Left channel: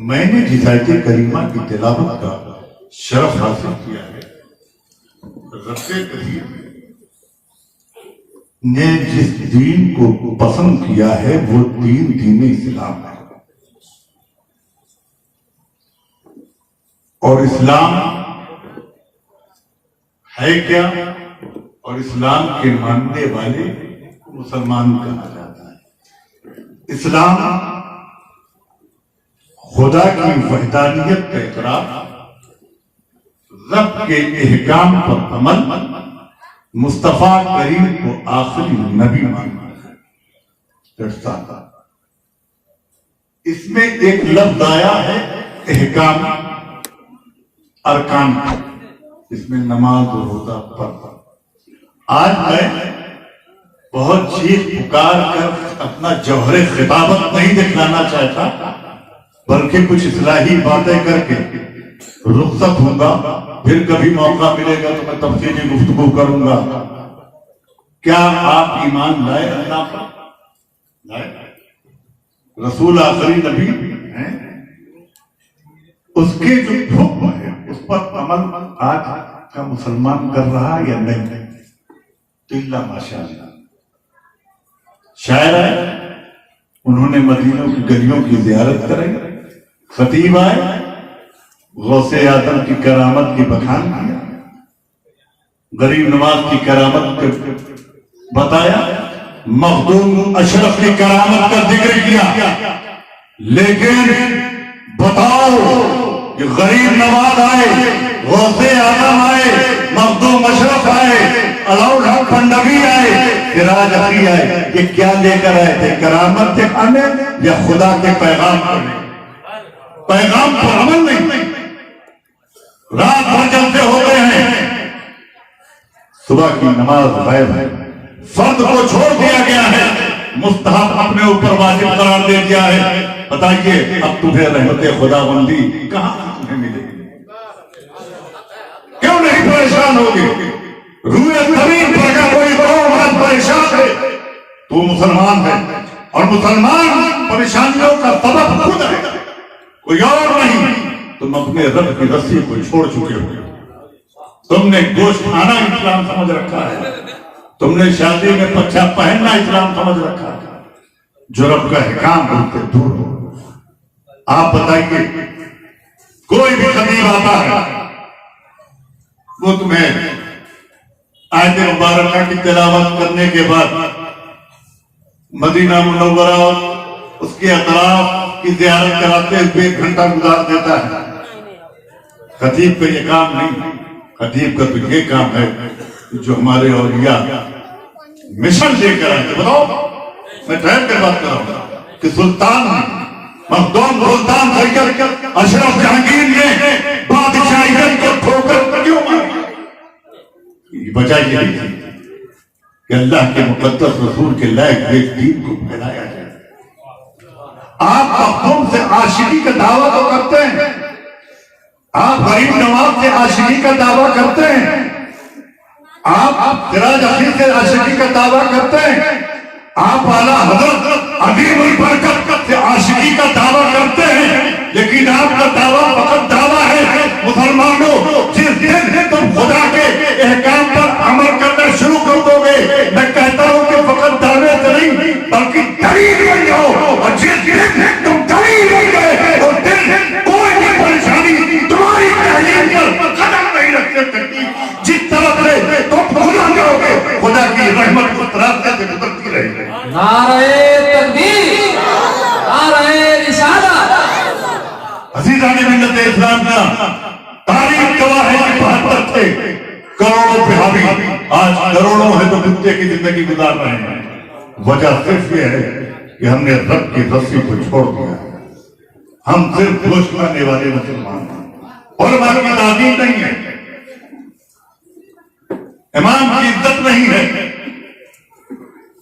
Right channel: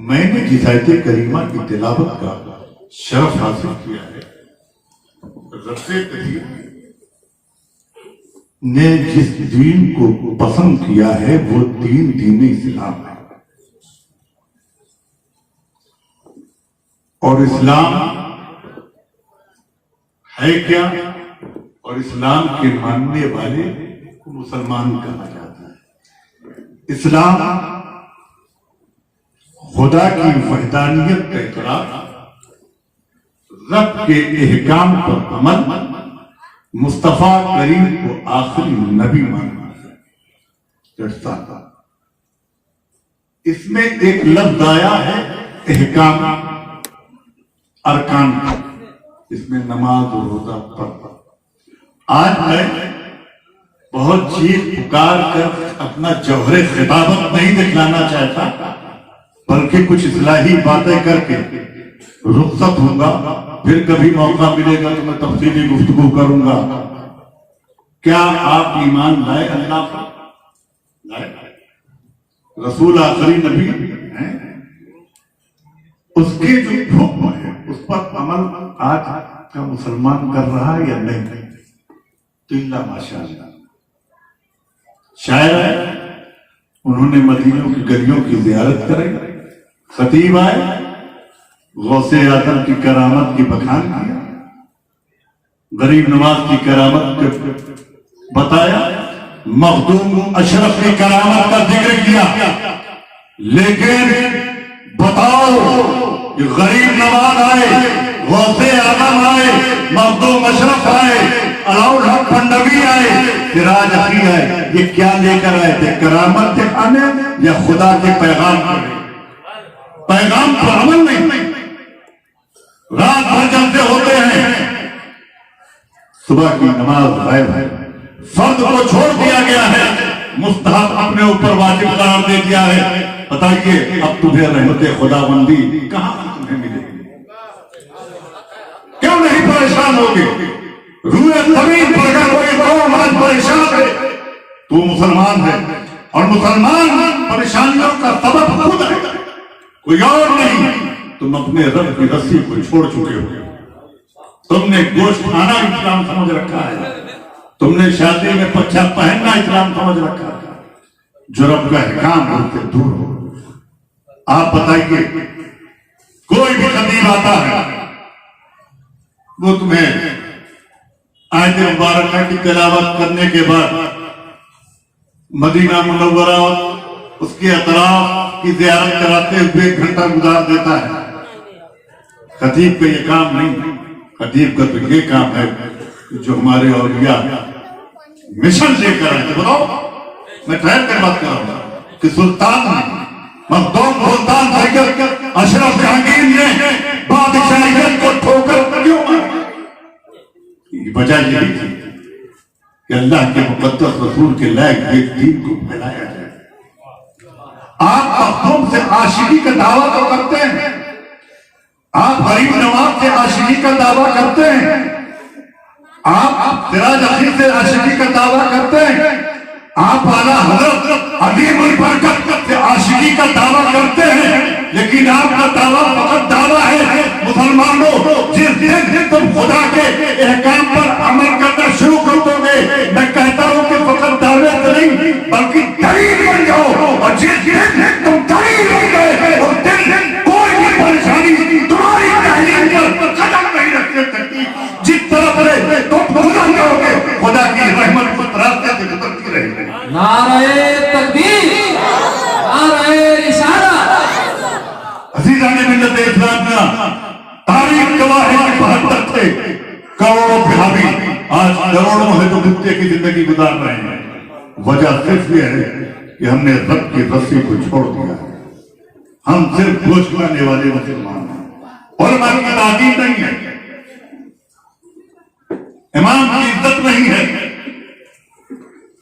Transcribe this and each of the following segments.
میں نے جس آیت کریمہ کی تلاوت کا شرف حاصل کیا ہے، رب کریم نے جس دین کو پسند کیا ہے وہ دین اسلام ہے، اور اسلام ہے کیا؟ اور اسلام کے ماننے والے کو مسلمان کہا جاتا ہے۔ اسلام خدا کی وحدانیت کا اعتراف، رب کے احکام پر عمل، مصطفیٰ کریم کو آخری نبی ماننا ہے۔ اس میں ایک لفظ آیا ہے احکام، ارکان، اس میں نماز و روزہ پڑھنا۔ آج میں بہت چیخ پکار کر اپنا جوہر خطابت نہیں دکھلانا چاہتا، بلکہ کچھ اصلاحی باتیں کر کے رخصت ہوں گا، پھر کبھی موقع ملے گا تو میں تفصیلی گفتگو کروں گا۔ کیا آپ ایمان لائے اللہ پر؟ لائے؟ رسول آخری نبی ہیں، اس کے جو حکم ہے اس پر عمل آج کا مسلمان کر رہا ہے یا نہیں؟ تو اللہ ماشاءاللہ۔ شاعر ہے، انہوں نے مدینوں کی گلیوں کی زیارت کرائی، خطیب آئے، غوث اعظم کی کرامت کی بخان کیا، غریب نواز کی کرامت کو بتایا، مخدوم اشرف کی کرامت کا ذکر کیا، لیکن بتاؤ کہ غریب نواز آئے، غوث اعظم آئے، مخدوم اشرف آئے، علاؤل حق پنڈوی آئے، سراج اخی آئے، یہ کیا لے کر آئے تھے؟ کرامت دکھانے یا خدا کے پیغام پر؟ پیغام پر عمل نہیں، رات بھر جلتے ہوتے ہیں، صبح کی نماز غائب ہے، فرض کو چھوڑ دیا گیا ہے، مستحب اپنے اوپر واجب قرار دے دیا ہے۔ بتائیے اب تمہیں رحمت خدا بندی کہاں تمہیں ملے گی؟ کیوں نہیں پریشان ہوگے؟ روئے زمین پر اگر کوئی قوم آج پریشان ہے تو مسلمان ہے، اور مسلمان پریشانیوں کا سبب خود ہے، کوئی اور نہیں۔ تم اپنے رب کی رسی کو چھوڑ چکے ہو، تم نے گوشت کھانا اسلام سمجھ رکھا ہے، تم نے شادی میں پچھا پہننا اسلام سمجھ رکھا ہے، جو رب کا احکام ان سے دور ہو۔ آپ بتائیے، کوئی بھی خطیب آتا ہے وہ تمہیں آیت مبارکہ کی تلاوت کرنے کے بعد مدینہ منورہ اس کے اطراف کی زیارت کراتے ہوئے 1 گھنٹہ گزار دیتا ہے۔ خطیب پہ یہ کام نہیں، خطیب کا تو یہ کام ہے جو ہمارے اولیاء مشن لے کر آئے۔ بتاؤ، میں ٹھہر کے بات کر رہا ہوں کہ سلطان مخدوم سلطان سید اشرف جہانگیر نے بادشاہیت کو ٹھوکر کیوں ماری؟ وجہ یہی تھی کہ اللہ کے مقدس رسول کے لائق یہ دین کو پھیلایا جائے۔ آپ مخدوم سے عاشقی کا دعویٰ تو کرتے ہیں، آپ غریب نواز سے عاشقی کا دعویٰ کرتے ہیں، آپ سراج اخی سے عاشقی کا دعویٰ کرتے ہیں، آپ اعلیٰ حضرت عظیم البرکت سے عاشقی کا دعویٰ کرتے ہیں، لیکن آپ کا دعویٰ فقط دعویٰ ہے۔ مسلمانوں، جس دن تم خدا کے احکام پر عمل کرنا شروع کر دو گے، میں کہتا ہوں کہ فقط دعوے سے نہیں بلکہ دلیل بن جاؤ، اور جس دن تم دلیل بن گئے اس دن کوئی بھی پریشانی تمہاری تحلیل پر قدم نہیں رکھ سکتی۔ جس طرح سے تم گزر جاؤ گے خدا کی رحمت راستے سے گزرتی رہے گی۔ نعرہ تکبیر، نعرہ رسالت۔ عزیزان ملت اسلام کا تاریخ گواہ ہے کہ 72 تھے، کروڑوں پہ حاوی، آج کروڑوں ہے جو کتے کی زندگی گزار رہے ہیں۔ وجہ صرف یہ ہے کہ ہم نے رب کی رسی کو چھوڑ دیا، ہم صرف گوشت کھانے والے مسلمان ہیں، علماء کی تعظیم نہیں ہے، امام کی عزت نہیں ہے۔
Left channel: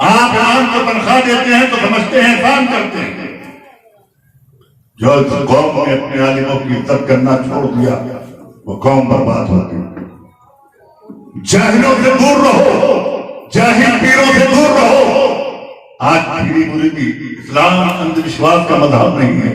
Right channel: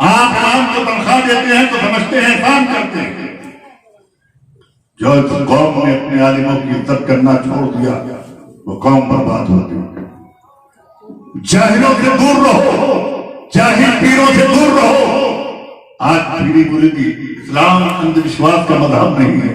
آپ امام کو تنخواہ دیتے ہیں تو سمجھتے ہیں احسان کرتے ہیں۔ جو اس قوم نے اپنے عالموں کی عزت کرنا چھوڑ دیا وہ قوم برباد ہوتی ہے۔ جاہلوں سے دور رہو، جاہل پیروں سے دور رہو۔ آج پیری مریدی اسلام اندھ وشواس کا مذہب نہیں ہے،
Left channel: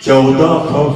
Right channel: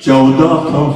1400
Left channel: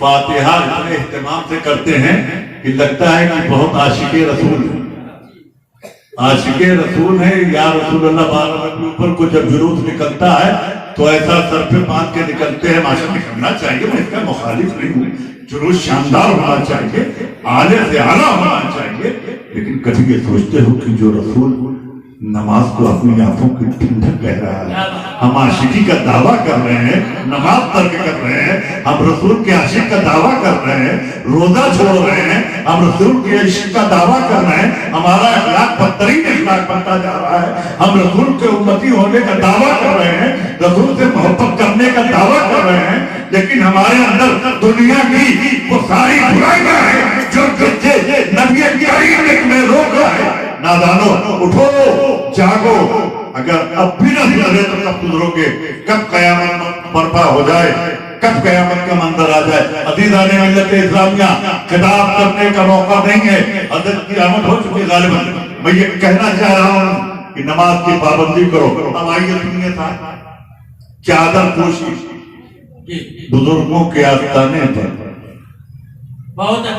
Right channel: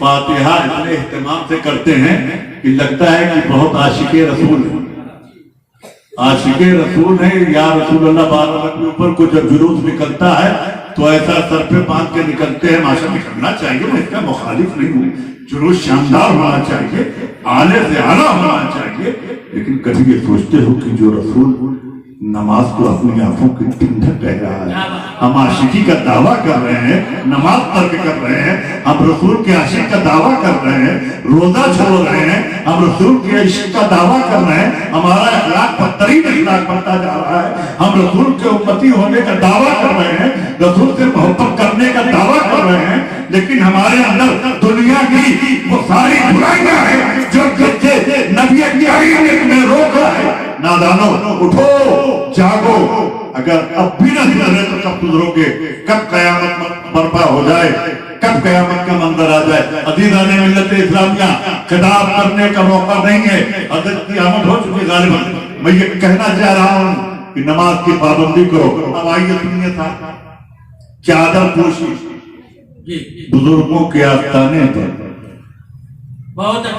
فاتحہ اتنے اہتمام سے کرتے ہیں کہ لگتا ہے کہ بہت عاشق رسول ہے، عاشق رسول ہے یا رسول اللہ بارہ کے اوپر کو جب جلوس نکلتا ہے تو ایسا سر پہ باندھ کے نکلتے ہیں، ماشاء نکلنا چاہیے، میں اس کا مخالف نہیں ہوں، جلوس شاندار ہونا چاہیے، اعلی سے اعلیٰ ہونا چاہیے، لیکن کبھی یہ سوچتے ہو کہ جو رسول نماز کو اپنی آنکھوں کی ٹھنڈک کہہ رہا ہے، ہم عاشقی کا دعویٰ کر رہے ہیں، نماز ترک کر رہے ہیں، ہم رسول کے عاشق کا دعویٰ کر رہے ہیں، روزہ چھوڑ رہے ہیں، ہم رسول کے عشق کا دعویٰ کر رہے ہیں، ہمارا اخلاق بدترین اخلاق بنتا جا رہا ہے، ہم رسول کے امتی ہونے کا دعویٰ کر رہے ہیں، رسول سے محبت کرنے کا دعویٰ کر رہے ہیں، لیکن ہمارے اندر دنیا کی وہ ساری برائیاں ہیں جو نبی کریم نے روک رہا ہے۔ نادانو اٹھو جاگو، اگر اب بھی نہ گزرے تو کب گزرو گے؟ کب قیامت برپا ہو جائے، کب قیامت کا منظر آ جائے؟ عزیزان ملت اسلامیہ، خطاب کرنے کا موقع نہیں ہے، حضرت کی آمد ہو چکی غالباً، میں یہ کہنا چاہ رہا ہوں کہ نماز کی پابندی کرو۔ اب آئیے سنیے تھا چادر پوشی بزرگوں کے آستانے پر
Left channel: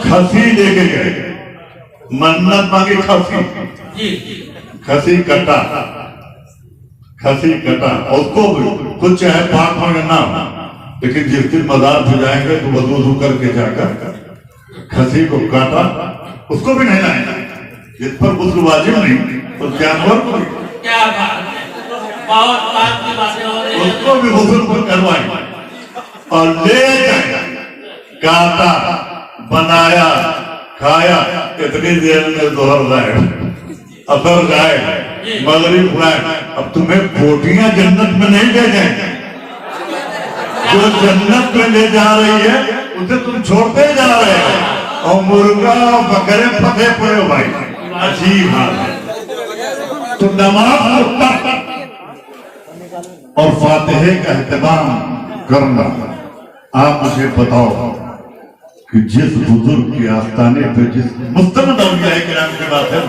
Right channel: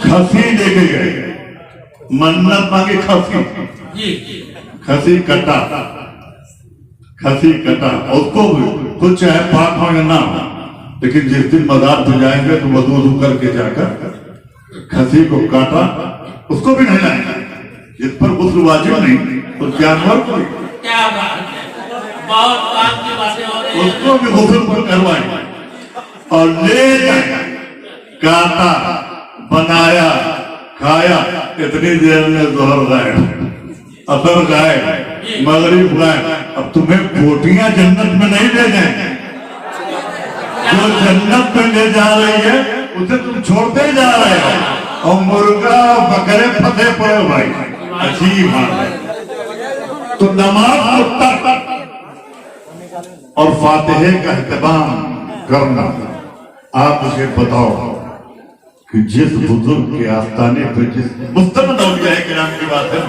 کھسی لے کے گئے، منت مانگی کھسی کٹا، کھسی کٹا، اس کو تو چاہے پاک ہو یا نہ ہو، لیکن جس دن مزار پہ جائیں گے تو وضو کر کے جا کر کھسی کو کاٹا، اس کو بھی نہیں لائیں گے، جس پر غسل واجب نہیں اس جانور کو اس کو بھی غسل پر کروائیں گے اور لے جائیں، کاٹا، بنایا، کھایا، اتنی دیر میں ظہر لائٹ، اثر جائے، مغرب لائٹ، اب تمہیں بوٹیاں جنت میں نہیں لے جائیں، جو جنت میں لے جا رہی ہے اسے تم چھوڑتے جا رہے ہیں، اور مرغا اور بکرے پھنسے پڑے بھائی، عجیب حال ہے۔ تو نماز کو ترک اور فاتحے کا اہتمام کرنا، آپ مجھے بتاؤ کہ جس بزرگ کے آستانے پہ جس مستند اولیاء کرام کی بات ہے،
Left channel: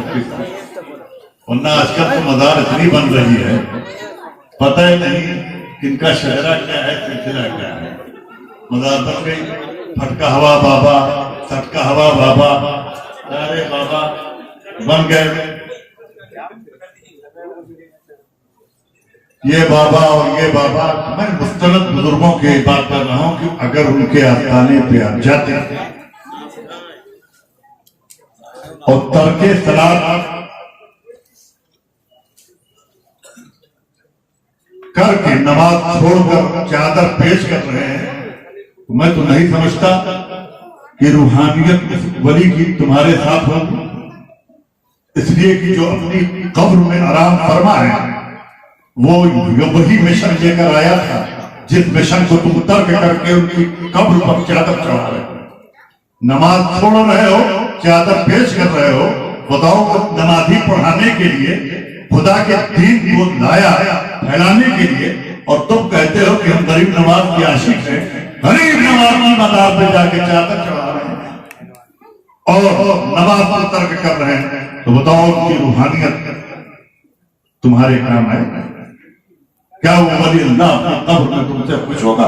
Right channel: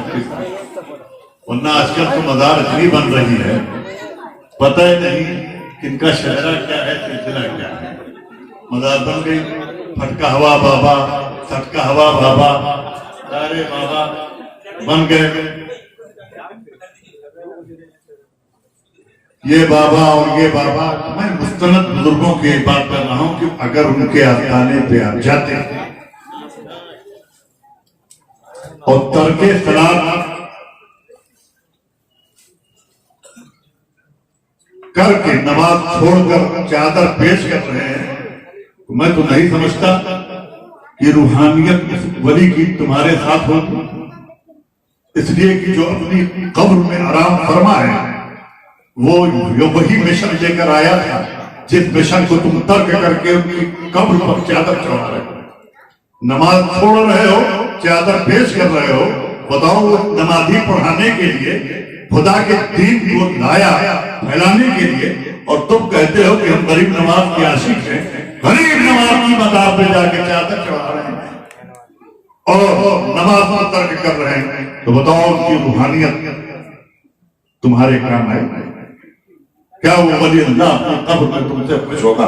ورنہ آج کل تو مزار اتنی بن رہی ہے، پتہ ہی نہیں کن کا شہرہ کیا ہے، سلسلہ کیا ہے، مزار بن گئی، پھٹکا ہوا بابا، سٹکا ہوا بابا، دارے بابا بن گئے، یہ بابا اور یہ بابا۔ میں مستند بزرگوں کی بات کر رہا ہوں کہ اگر ان کے آستانے پہ آپ جاتے ہیں اور ترک صلاۃ کر کے نماز چھوڑ کر چادر پیش کر رہے ہیں، تو میں تو نہیں سمجھتا کہ روحانیت اس ولی کی تمہارے ساتھ ہوگی، اس لیے کہ جو اپنی قبر میں آرام فرما ہے وہ وہی مشن لے کر آیا تھا جس مشن کو تم ترک کر کے ان کی قبر پر چادر چڑھا رہے ہو، نماز چھوڑ رہے ہو، چادر پیش کر رہے ہو۔ بتاؤ وہ نمازی پڑھانے کے لیے خدا کے دین کو لایا پھیلانے کے لیے، اور تم کہتے ہو کہ ہم غریب نواز کے عاشق ہیں، غریب نواز کی مزار پہ جا کے چادر چڑھا رہے ہیں اور نماز کو ترک کر رہے ہیں، تو بتاؤ ان کی روحانیت تمہارے کام ہے؟ کیا وہ ولی اللہ اپنی قبر میں تم سے خوش ہوگا؟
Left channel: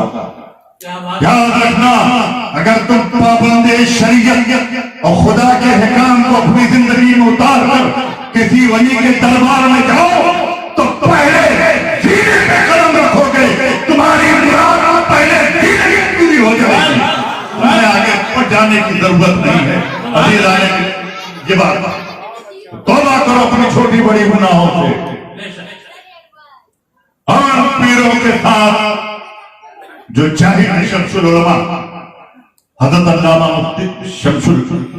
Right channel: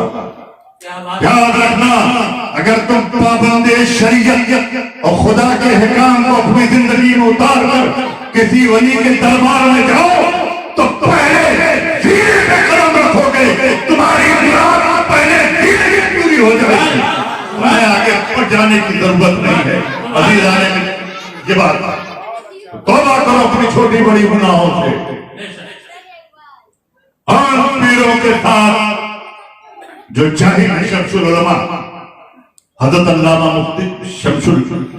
یاد رکھنا، اگر تم پابند شریعت اور خدا کے حکام کو اپنی زندگی میں اتار کر کسی ولی کے دربار میں جاؤ تو پہلے سینے پہ قدم رکھو گے، تمہاری مراد پہلے سینے کی پوری ہو جائے گی، میں آگے پڑھ جانے کی ضرورت نہیں ہے۔ عزیزان یہ بات توبہ کرو اپنی چھوٹی بڑی گناہوں سے، اور پیروں کے ساتھ جو جاہل شمس العلماء حضرت علامہ مفتی شمس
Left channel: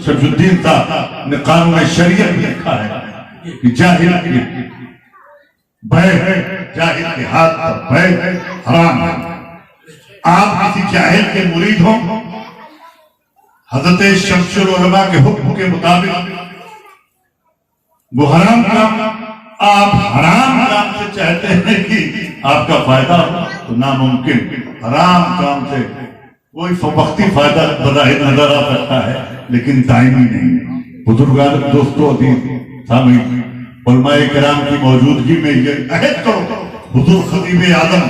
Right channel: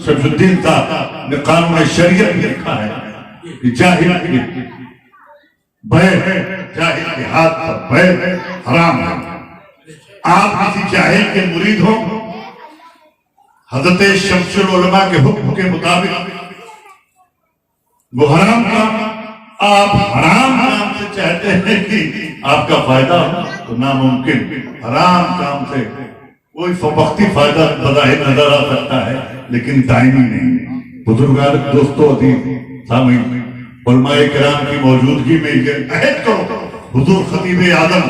الدین صاحب نے قانون شریعت میں لکھا ہے کہ جاہل کی بیع، جاہل کے ہاتھ پر بیع حرام ہے۔ آپ کسی جاہل کے مرید ہوں، حضرت شمس العلماء کے حکم کے مطابق وہ حرام کام، آپ حرام کام سے چاہتے ہیں کہ آپ کا فائدہ ہو تو ناممکن، حرام کام سے کوئی وقتی فائدہ بظاہر نظر آ سکتا ہے لیکن دائمی نہیں۔ بزرگان دوستو عزیز سامعین، علماء کرام کی موجودگی میں یہ عہد کرو، حضور خطیب اعظم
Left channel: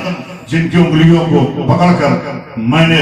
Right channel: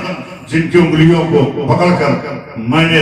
جن کی انگلیوں کو پکڑ کر میں نے